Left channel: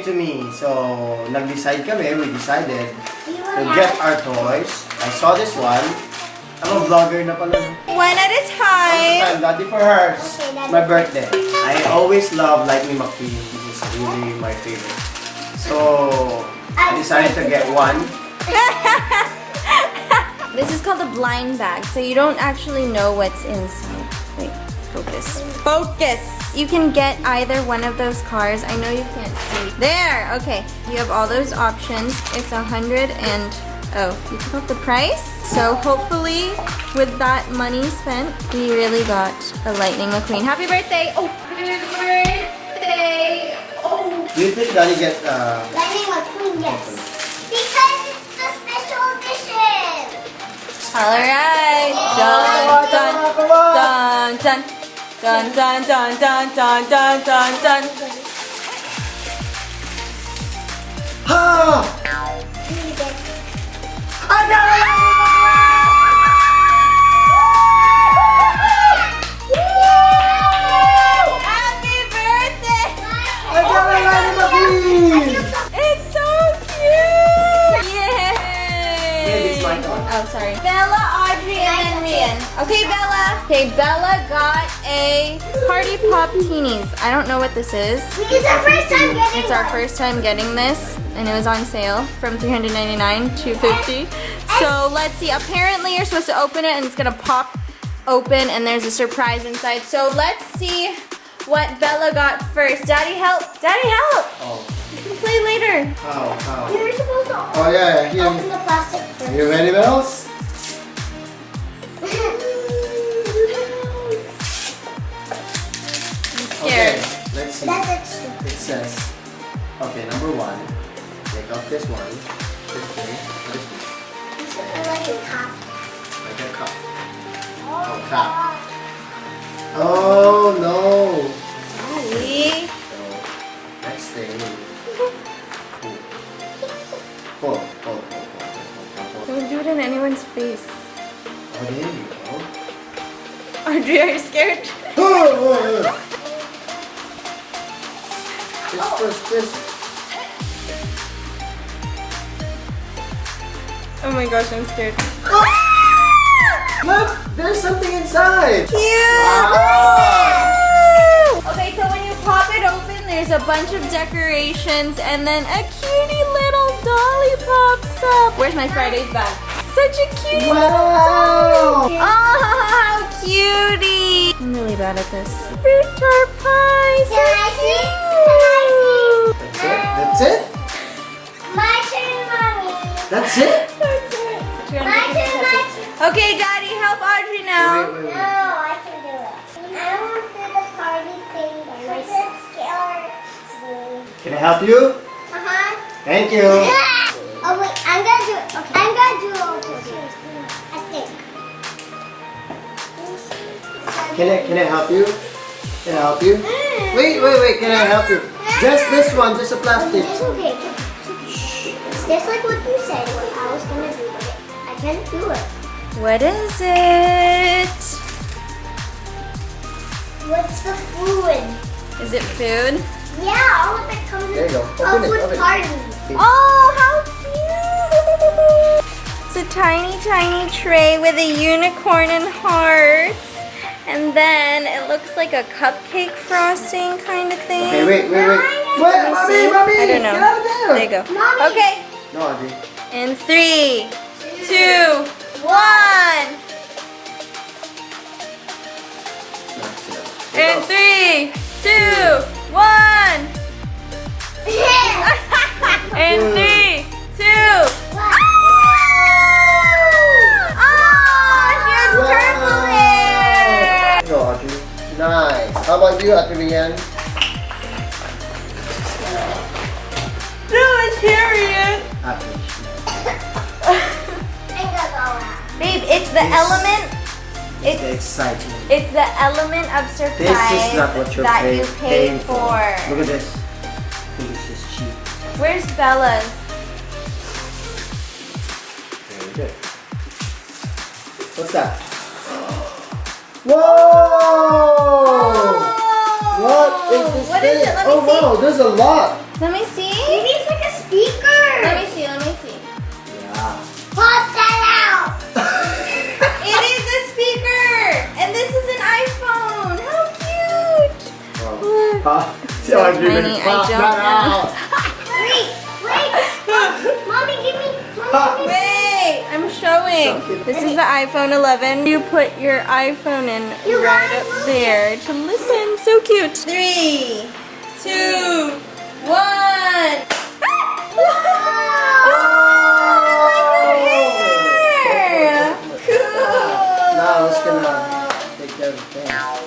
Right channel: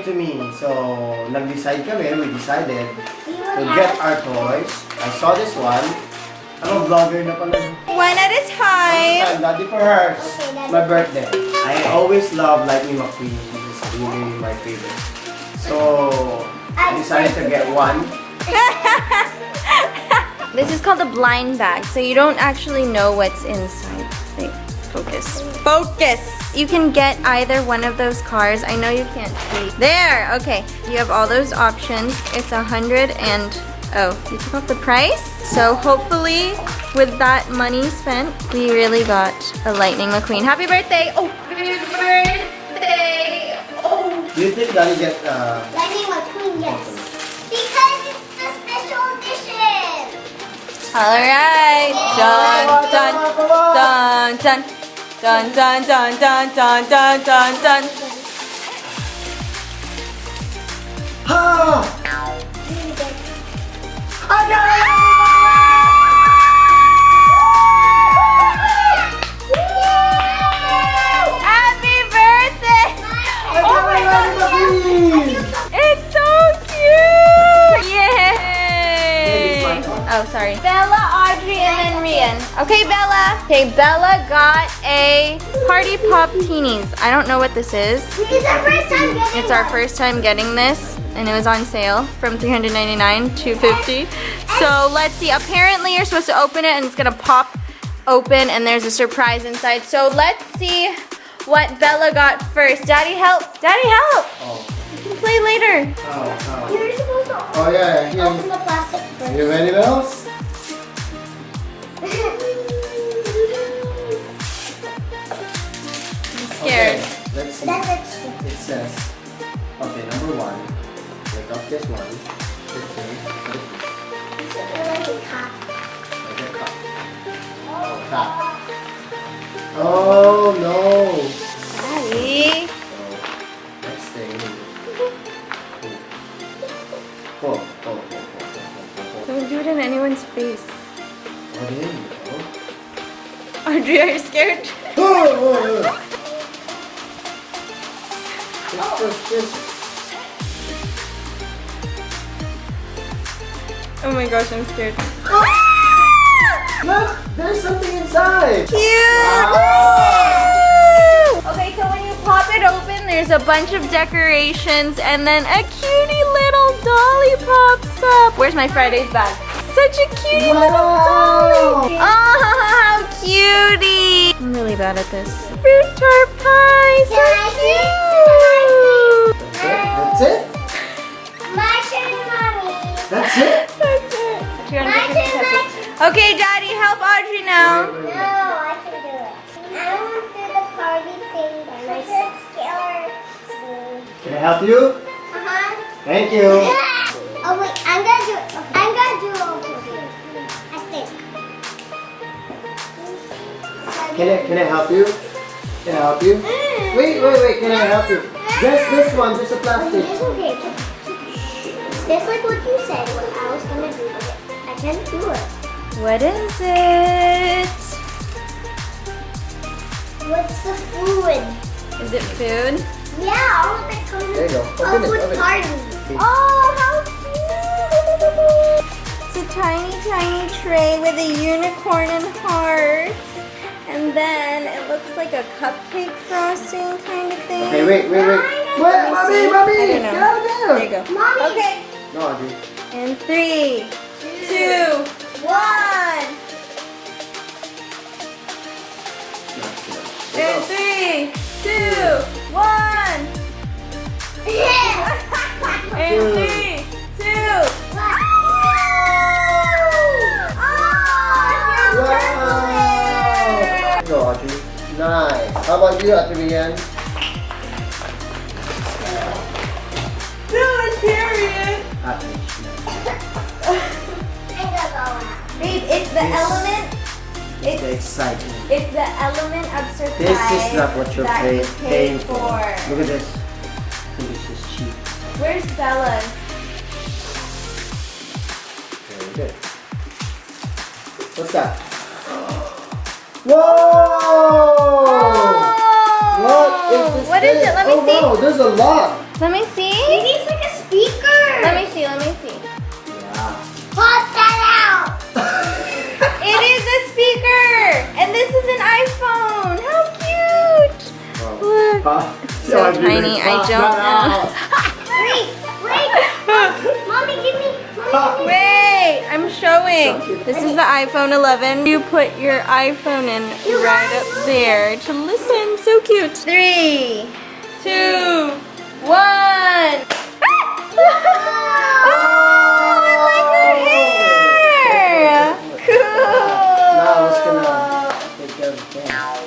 it to me. So, nag-decide kami, we decided to get our toys. I saw this one. I'm a vlogger na pala. One at a time. Daddy for her. It's my birthday. I always love Lightning McQueen. This is really my favorite. So, I decided to get one. This is called a blind bag, so you don't actually know what's inside. Wait, focus. Focus! You can get either one of those cars. I know you can't see. There! Okay, you have all those options. It's 100 and... Oh, you took off the price? So hopefully, with that money spent, we really got a Lightning McQueen. Happy birthday! Oh, happy birthday! Oh! Do you think Daddy get Lightning McQueen, yes. Because it's the special edition. Alright! Dun, dun, dun, dun. Dun, dun, dun, dun, dun, dun, dun, dun. Ha! I got Happy birthday! I got a Lightning McQueen! It's so cute! Yay! Hey, this is my one. Oh, sorry. Bella, Audrey, and then Rian. Okay, Bella. Okay, Bella got a Party Pop Teenies. I don't know what this is. It's our first time getting It's our one. first time getting this, and it was on sale from $399 to $250. So let's see. Apparently, you're supposed to open it, and it's gonna pop open, and there's a surprise inside. So let's see what Bella got first. Daddy, help! Daddy, help! Oh, You can play later. how? You're supposed to Oh, yeah, here. open the plastic first. You ready, Bells? I'm scared. Okay, let's see. That's extra. It says, okay, number one, take off this one, this thing, this one, It's like a cup. like a cup. Oh, cup. Oh, no. Daddy. So, next thing. Oh. Don't do it in anyone's face. Oh, there you go. Audrey, are you scared? This. Oh my gosh, I'm scared. Look, there's something inside. Cute! Wow. Okay, so when you pop it open, there's a bunch of decorations and then a cutie little dolly pops up. Where's my Friday's bag? Such a cutie little dolly. Wow. Oh, how cutie! I'm really bad at this. Fruit tart pie, so Can I see? cute! That's it? My turn, Mommy. That's it? That's it. My turn, my turn. Okay, Daddy, help Audrey now. Wait. No, I can do it. I want to do the party thing by myself. Scared. Can I help you? Uh-huh. Thank you. Oh wait, I'm gonna do it. Okay. I'm gonna do it over here. I think. Can I help you? Can I help you? Wait. Can I help you? Just this one, just a plastic. It's okay. It's just like what you said, what I was gonna do with it. I can't do it. What is it? What's the fluid? Is it food? Yeah, all that comes There you go. in Open a it, food open it. party. Oh, how cute! It's a tiny, tiny tray with a unicorn and hearts. And then it looks like a cupcake frosting kind of thing. Okay, wait. Wait, See? mommy. I don't know. Get out of there. There you go. Mommy. Okay. No, Audrey. In 3, 2, 1. In 3, 2, 1. In 3, 2. Go, Audrey. Nice. How about you, Audrey? Babe, it's the element. It's the excitement. It's the element of surprise. This is not what you're that you paying paid for. Look at this. I think it's just cheap. Where's Bella's? Very good. What's that? Whoa! What is this What thing? is it? Let me oh, see. wow, there's a lot. Let me see. Maybe it's like a speaker. Let me see. Yeah. Pop that out. It is a speaker! And this is an iPhone! How cute! Look. So tiny, I don't know. Wait. Mommy, give me. Wait, I'm showing. This is the iPhone 11. You put your iPhone in right up there to listen. So cute. 3, 2, 1. Oh, I like her hair. Cool. Now I was gonna take care of the camera.